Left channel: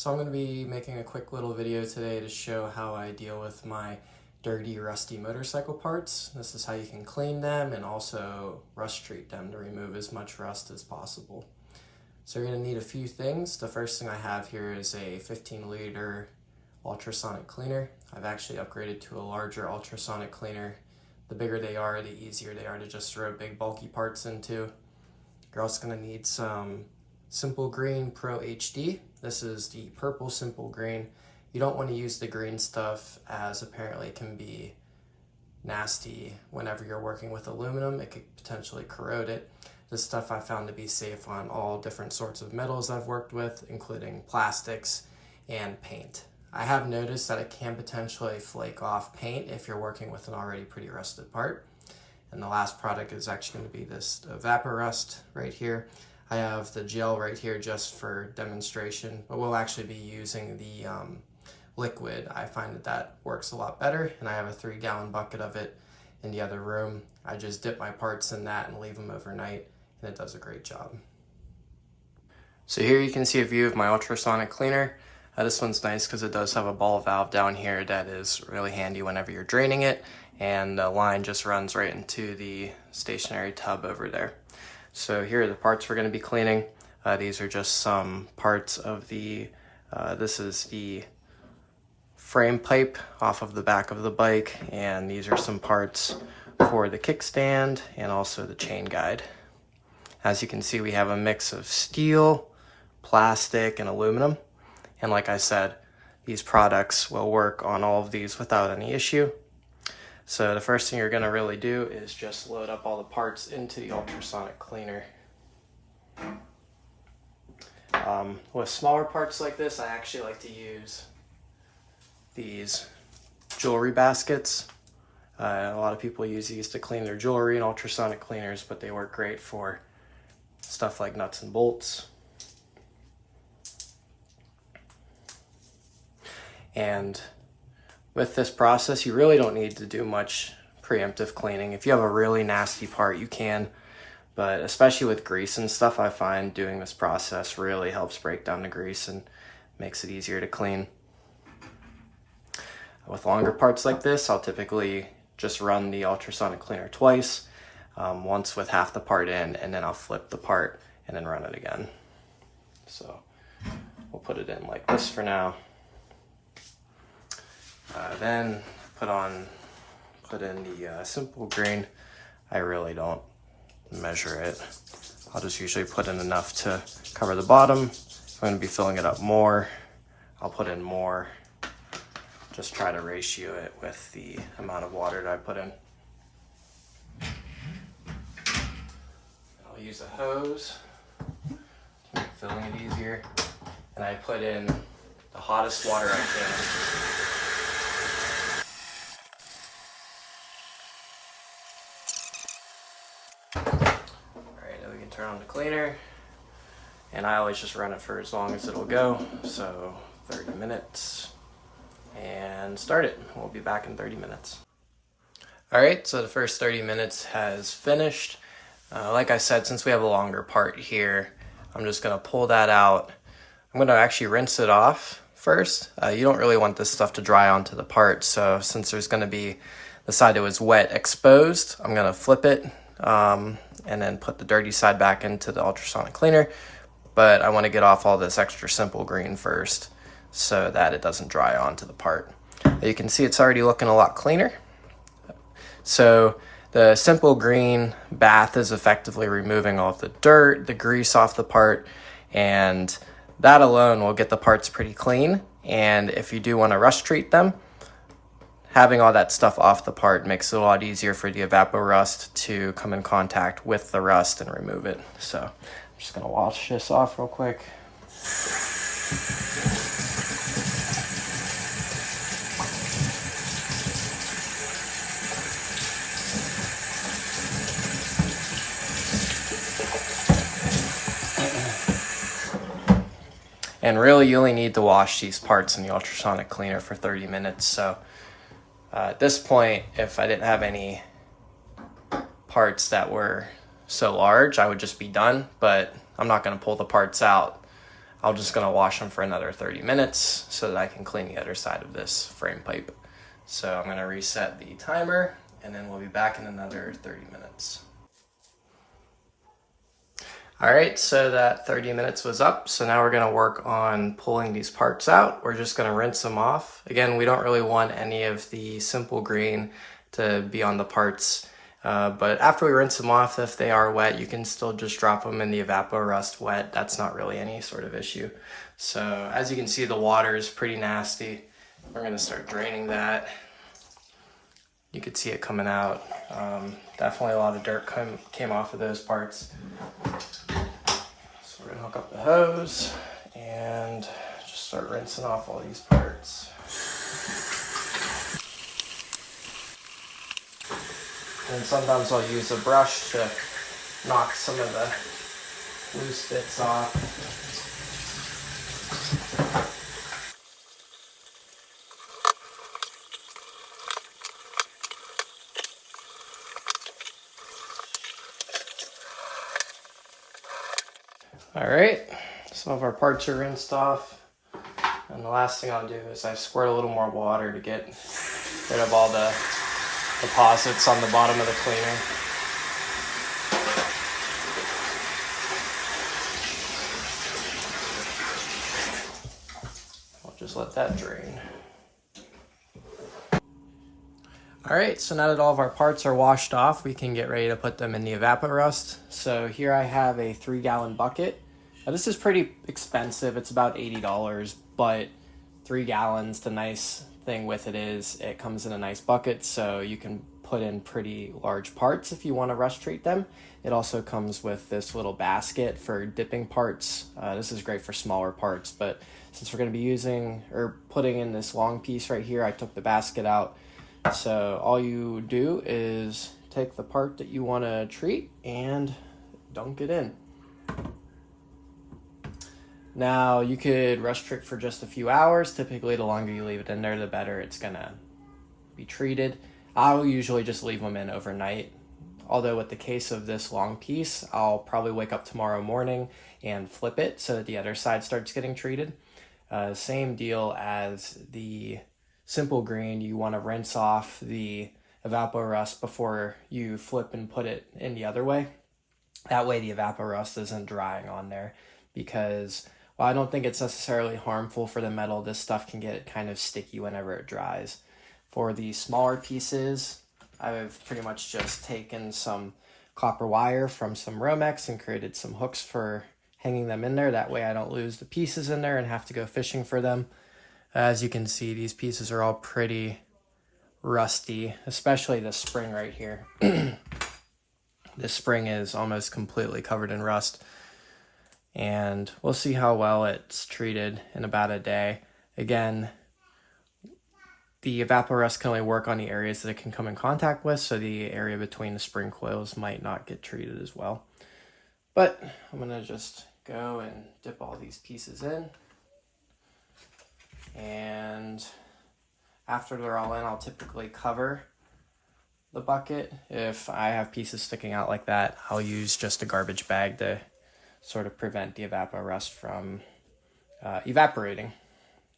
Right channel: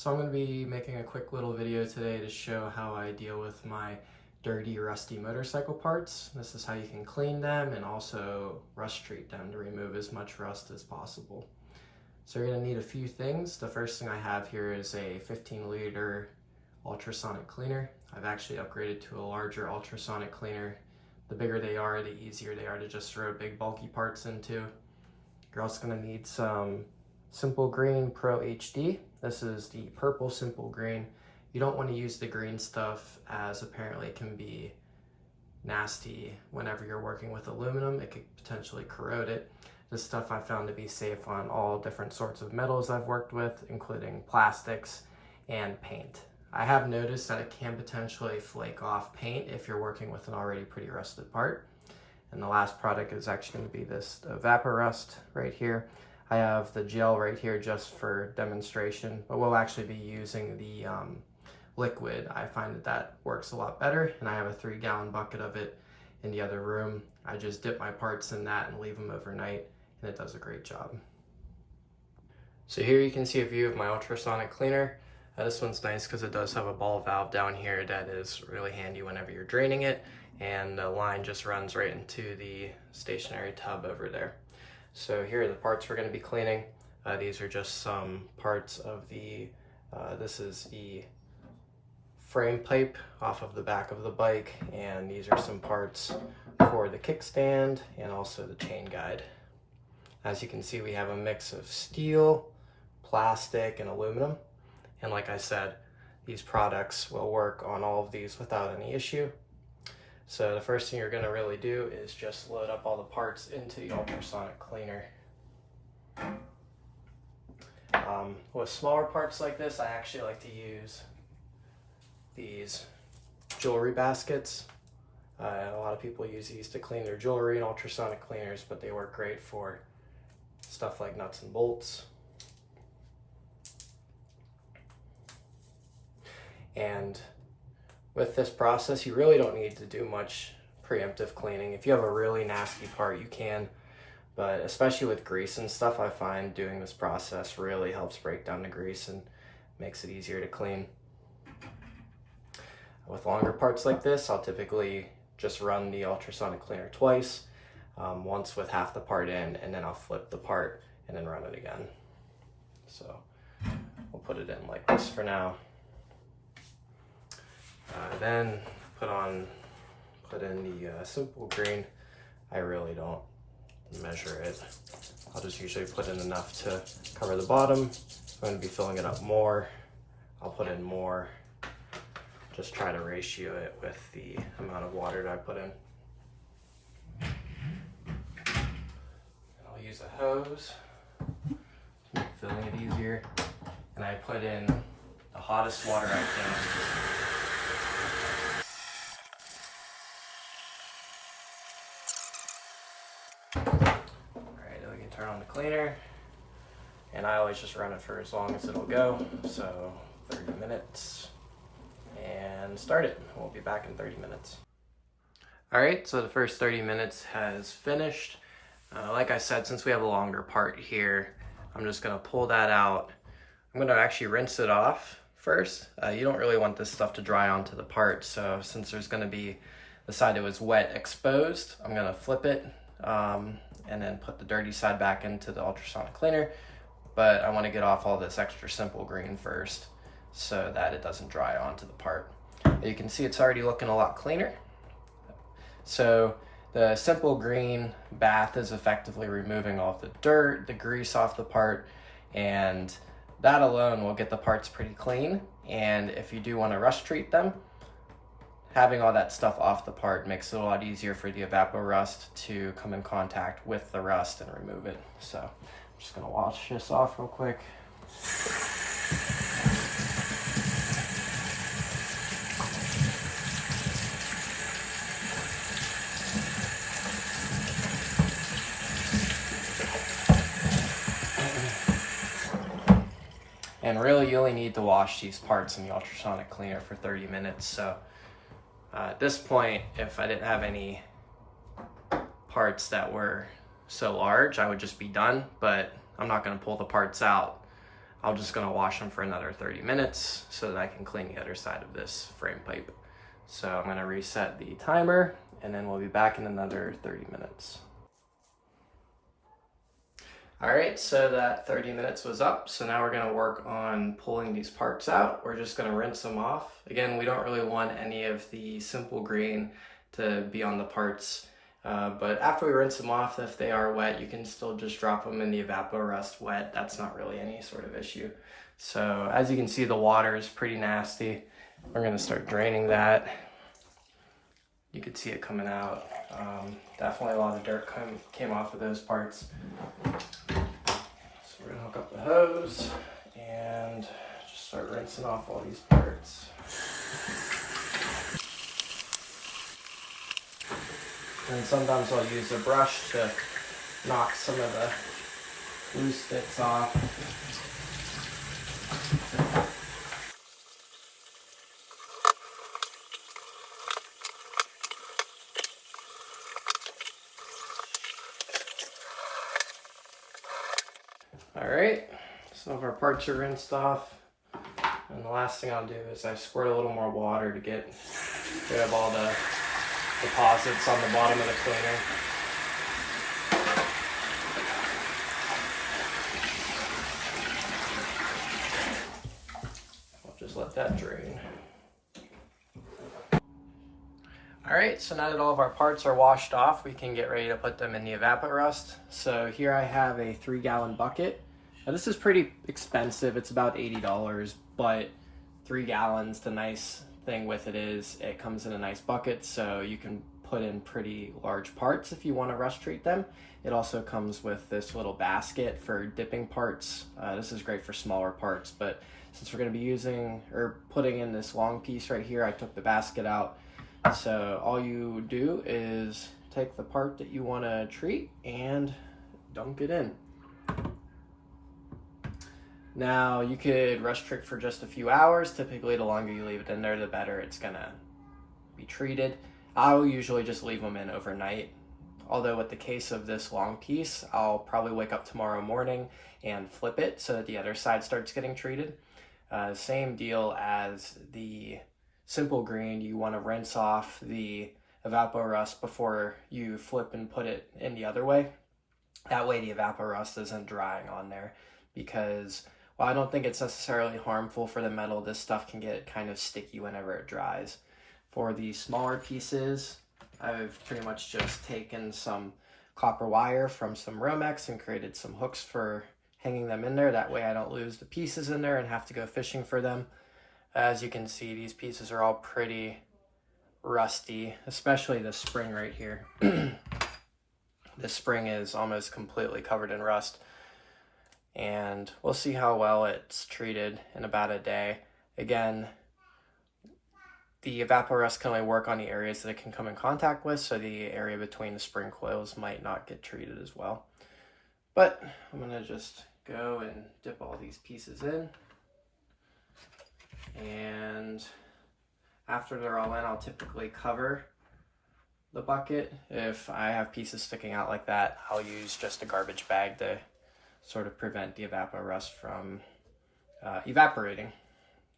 So I'm going to be making a quick little video today to show how I deal with my dirty, rusty motorcycle parts. This is how you can clean them and also rust treat them to remove as much rust as possible. So you're going to need a few things. The first thing I have here is a 15-liter ultrasonic cleaner. I've actually upgraded to a larger ultrasonic cleaner. The bigger they are, the easier they are to just throw big bulky parts into. You're also going to need some Simple Green Pro HD. This is the purple Simple Green. You don't want to use the green stuff, as apparently it can be nasty whenever you're working with aluminum. It could potentially corrode it. This stuff I found to be safe on all different sorts of metals I've worked with, including plastics and paint. I have noticed that it can potentially flake off paint if you're working with an already pretty rusted part. And the last product is actually going to be this Evapo-Rust right here. I have the gel right here just for demonstration, but we'll actually be using the liquid. I find that works a lot better, and I have a 3-gallon bucket of it in the other room. I just dip my parts in that and leave them overnight, and it does a great job. So here you can see a view of my ultrasonic cleaner. This one's nice because it does have a ball valve down here that is really handy whenever you're draining it, and the line just runs right into the stationary tub over there. So here are the parts we're going to be cleaning. These are just some parts of the, this is the frame pipe off of the back of the bike, and these are some parts for the kickstand and also the chain guide. As you can see, we have a mix of steel, plastic, and aluminum. And like I said, these products will work on all of these without any issue. So the first thing you're going to really do is just load up all the parts into the ultrasonic cleaner. With smaller parts like this, I actually like to use these jewelry baskets. A lot of people use these to clean their jewelry and ultrasonic cleaners, but they work great for stuff like nuts and bolts. And with this process, you really don't need to do much preemptive cleaning. If you have a really nasty part, you can, but especially with grease and stuff, I find doing this process really helps break down the grease and makes it easier to clean. With longer parts like this, I'll typically just run the ultrasonic cleaner twice, once with half the part in, and then I'll flip the part and then run it again. So we'll put it in like this for now. Then put in the Simple Green. I really don't measure it. I'll just usually put in enough to cover the bottom. If I'm going to be filling it up more, I'll put in more. Just try to ratio it with the amount of water that I put in. I'll use a hose to make filling it easier. And I put in the hottest water I can. Alright, then we can turn on the cleaner, and I always just run it for as long as it'll go, so 30 minutes, and start it. We'll be back in 30 minutes. Alright, so the first 30 minutes has finished. Like I said, since we have a longer part here, I'm just going to pull that out. I'm going to actually rinse it off first. You don't really want this stuff to dry onto the part, so since there's going to be the side that was wet exposed, I'm going to flip it and then put the dirty side back into the ultrasonic cleaner. But I want to get off all this extra Simple Green first so that it doesn't dry onto the part. You can see it's already looking a lot cleaner. So the Simple Green bath is effectively removing all of the dirt, the grease off the part, and that alone will get the parts pretty clean. And if you do want to rust treat them, having all that stuff off the part makes it a lot easier for the Evapo-Rust to come in contact with the rust and remove it. So I'm just going to wash this off real quick. And really, you only need to wash these parts in the ultrasonic cleaner for 30 minutes. So at this point, if I didn't have any parts that were so large, I would just be done, but I'm not going to pull the parts out I'm just gonna wash them for another 30 minutes so that I can clean the other side of this frame pipe. So I'm gonna reset the timer and then we'll be back in another 30 minutes. All right, so that 30 minutes was up. So now we're gonna work on pulling these parts out. We're just gonna rinse them off. Again, we don't really want any of the simple grain to be on the parts. But after we rinse them off, if they are wet, you can still just drop them in the EvapoRust wet. That's not really any sort of issue. So as you can see, the water is pretty nasty. We're gonna start draining that. You could see it coming out. Definitely a lot of dirt came off of those parts. So we're gonna hook up the hose and just start rinsing off all these parts. And sometimes I'll use a brush to knock some of the loose bits off. All right, some of our parts are rinsed off. And the last thing I'll do is I squirt a little more water to get rid of all the deposits on the bottom of the cleaner. I'll just let that drain. All right, so now that all of our parts are washed off, we can get ready to put them in the EvapoRust. So here I have a 3-gallon bucket. Now this is pretty expensive, it's about $80, but 3 gallons, the nice thing with it is it comes in a nice bucket, so you can put in pretty large parts if you want to rust treat them. It also comes with this little basket for dipping parts. This is great for smaller parts, but since we're going to be using or putting in this long piece right here, I took the basket out. So all you do is take the part that you want to treat and dunk it in. Now you could rust trick for just a few hours. Typically the longer you leave it in there, the better it's gonna be treated. I'll usually just leave them in overnight. Although with the case of this long piece, I'll probably wake up tomorrow morning and flip it so that the other side starts getting treated. Same deal as the simple green, you want to rinse off the EvapoRust before you flip and put it in the other way. That way the EvapoRust isn't drying on there, because while I don't think it's necessarily harmful for the metal, this stuff can get kind of sticky whenever it dries. For the smaller pieces, I've pretty much just taken some copper wire from some Romex and created some hooks for hanging them in there. That way I don't lose the pieces in there and have to go fishing for them. As you can see, these pieces are all pretty rusty, especially the spring right here. This spring is almost completely covered in rust, and we'll see how well it's treated in about a day. Again, the EvapoRust can only work on the areas that it can come in contact with, so the area between the spring coils might not get treated as well. But I'm gonna just go and dip all these pieces in. And after they're all in, I'll typically cover the bucket. If I have pieces sticking out like that, I'll use just a garbage bag to sort of prevent the EvapoRust from evaporating.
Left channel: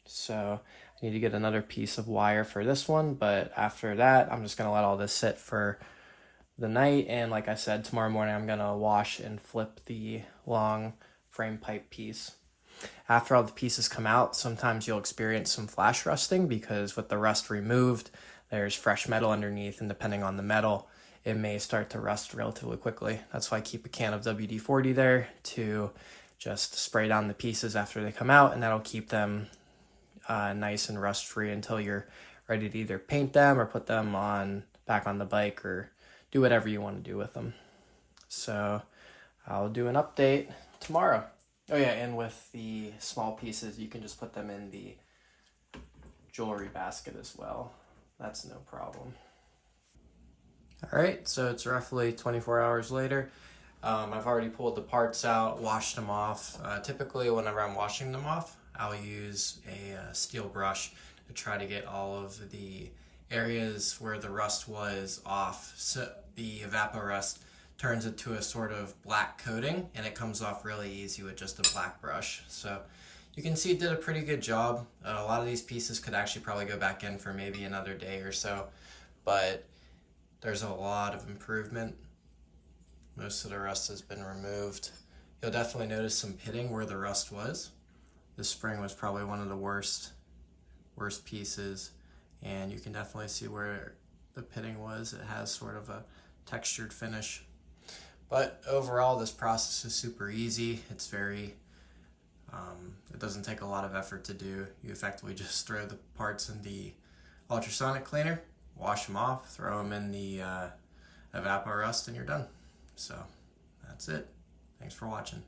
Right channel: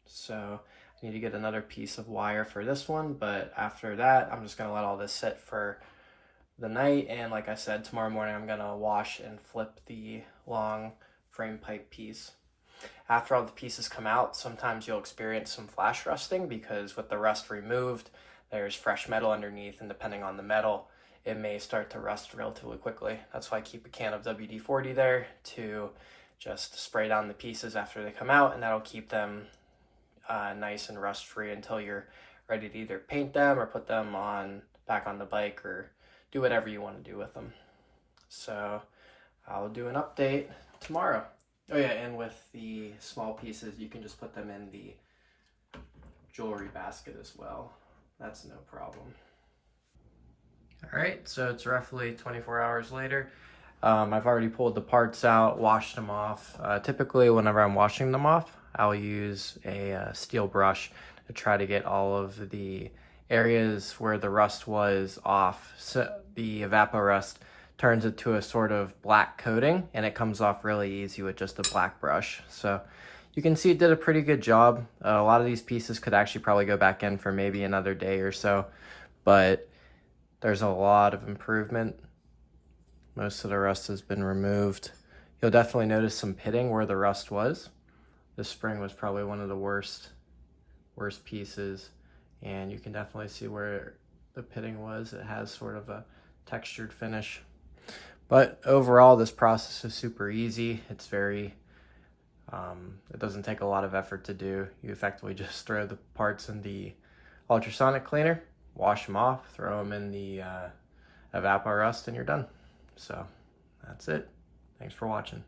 So I need to get another piece of wire for this one, but after that, I'm just gonna let all this sit for the night. And like I said, tomorrow morning, I'm gonna wash and flip the long frame pipe piece. After all the pieces come out, sometimes you'll experience some flash rusting, because with the rust removed, there's fresh metal underneath, and depending on the metal, it may start to rust relatively quickly. That's why I keep a can of WD-40 there to just spray down the pieces after they come out, and that'll keep them nice and rust free until you're ready to either paint them or put them back on the bike or do whatever you want to do with them. So I'll do an update tomorrow. Oh yeah, and with the small pieces, you can just put them in the jewelry basket as well. That's no problem. All right, so it's roughly 24 hours later. I've already pulled the parts out, washed them off. Typically, whenever I'm washing them off, I'll use a steel brush to try to get all of the areas where the rust was off, so the EvapoRust, turns it to a sort of black coating, and it comes off really easy with just a black brush. So you can see it did a pretty good job. A lot of these pieces could actually probably go back in for maybe another day or so, but there's a lot of improvement. Most of the rust has been removed. You'll definitely notice some pitting where the rust was. This spring was probably one of the worst pieces, and you can definitely see where the pitting was. It has sort of a textured finish. But overall, this process is super easy. It's very, it doesn't take a lot of effort to do. You effectively just throw the parts in the ultrasonic cleaner, wash them off, throw them in the Evapo-Rust, and you're done. So that's it. Thanks for watching.